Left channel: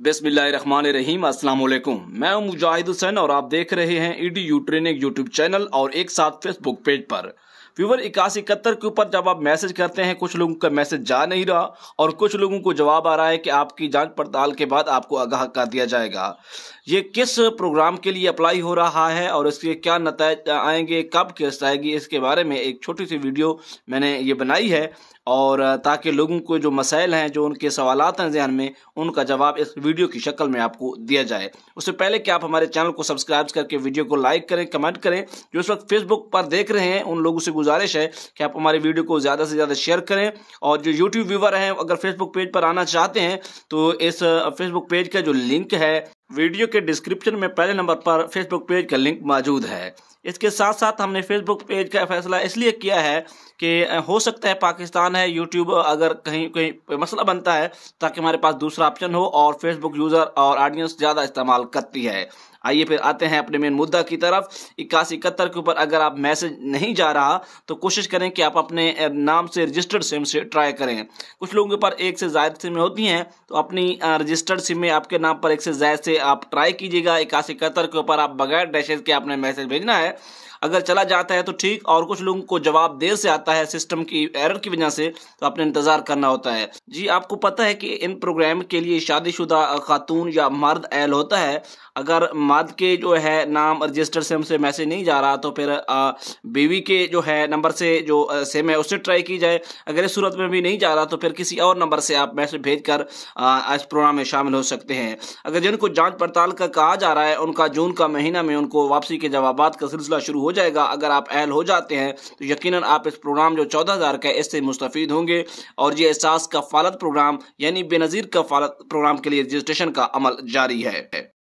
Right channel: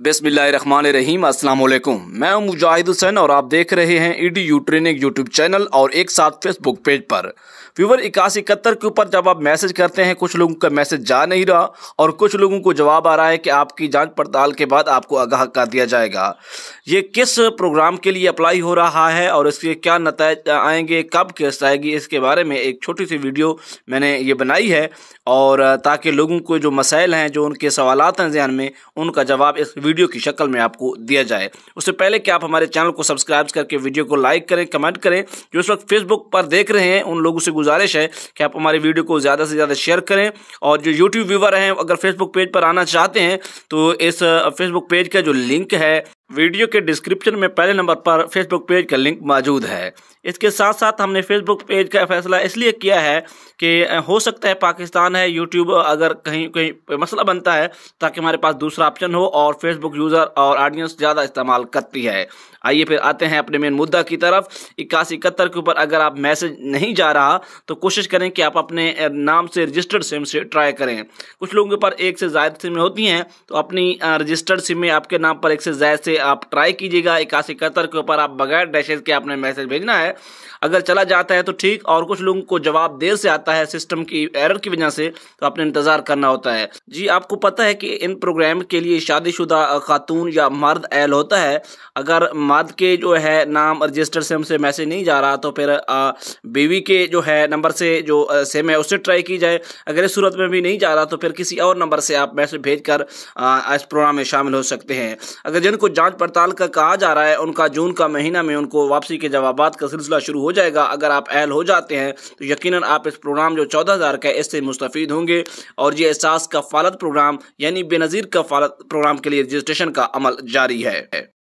बिस्मिल्लाहिर्रहमानिर्रहीम। अस्सलाम वालेकुम। मैं हूं मुजाहिद हुसैन और आप देख रहे हैं EDU ट्रेनिंग यूट्यूब चैनल और एक साथ फेसबुक पेज पर। व्यूवर 8171 के ऊपर जब आप मैसेज करते हैं, कुछ लोगों का मैसेज जा नहीं रहा और कुछ लोगों को जवाब आ रहा है कि आपकी जांच पड़ताल के बाद आपको आगाह कर दिया जाएगा। ये किस प्रोग्राम के लिए अप्लाई हो रहा है और इसके क्या नतीजे आएंगे, कब किस्त आएगी, इसके बारे में एक छोटी सी वीडियो मैंने ये बनाई है और ताकि लोगों को जो मसाइल हैं, जो उनके सवालात हैं ज़हन में, उनका जवाब इस वीडियो की शक्ल में आपको दिया जाए। उससे पहले कि आप हमारे चैनल को सब्सक्राइब करके वीडियो को लाइक करें, कमेंट करें। जो इस वक्त फेसबुक पर देख रहे हैं उन लोगों से गुजारिश है कि आप हमारी वीडियो को ज़्यादा से ज़्यादा शेयर करें। और जो यूट्यूब व्यूवर हैं, अगर फेसबुक पेज पर आना चाहते हैं तो इस फेसबुक पेज का जो लिंक है वीडियो के डिस्क्रिप्शन में पहले नंबर पर फेसबुक पेज का लिंक मौजूद है। इसके साथ साथ हमने फेसबुक पेज का फैसला इसलिए किया है कि हो सकता है पाकिस्तान है, यूट्यूब अगर कहीं कहीं मसला बनता है ताकि हमारे पास दूसरा ऑप्शन हो, और फेसबुक यूज़र और ऑडियंस ज़्यादा इस्तेमाल करती है। आइए फिर आते हैं अपने मेन मुद्दा की तरफ। 8171 के ऊपर अगर आप मैसेज नहीं जा रहा तो कोशिश करें कि आप अपने नाम से रजिस्टर्ड सिम से ट्राई करें। कुछ लोगों के पास एक से ज़्यादा सिम होती हैं, तो अपनी रजिस्टर्ड सिम में आपके नाम पर एक से ज़्यादा से आप ट्राई कीजिएगा। 8171 के ऊपर आप बगैर डैशेज के आपने मैसेज भेजना है। अगर चला जाता है तो ठीक, और कुछ लोगों को जवाब देर से आता है सिस्टम की एरर की वजह से, तो आपने इंतजार करना होता है। जी, आपको पता है कि इन प्रोग्राम के लिए शादीशुदा खातून या मर्द एल होता है। अगर मर्द के जो है नाम रजिस्टर सिम से मैसेज नहीं जा रहा तो फिर बीवी के जो है नंबर से जो सिम है उससे ट्राई की जाए। अगर इस सूरत में भी नहीं जा रहा तो फिर किसी और नंबर से आप मैसेज भेजकर इस प्रोग्राम में शामिल हो सकते हैं। अगर जिनको जांच पड़ताल का कहा जा रहा है उनका जून का महीना में उनको वापसी के जवाबात का सिलसिला शुरू हो जाएगा। अगर आप अहल हो जाते हैं तो यकीनन आप इस प्रोग्राम जो 14,000 का है इससे मुस्तफीद होंगे। और ये एहसास कफ़ालत प्रोग्राम यानी बेनज़ीर कफ़ालत प्रोग्राम के लिए रजिस्ट्रेशन का अमल जारी है।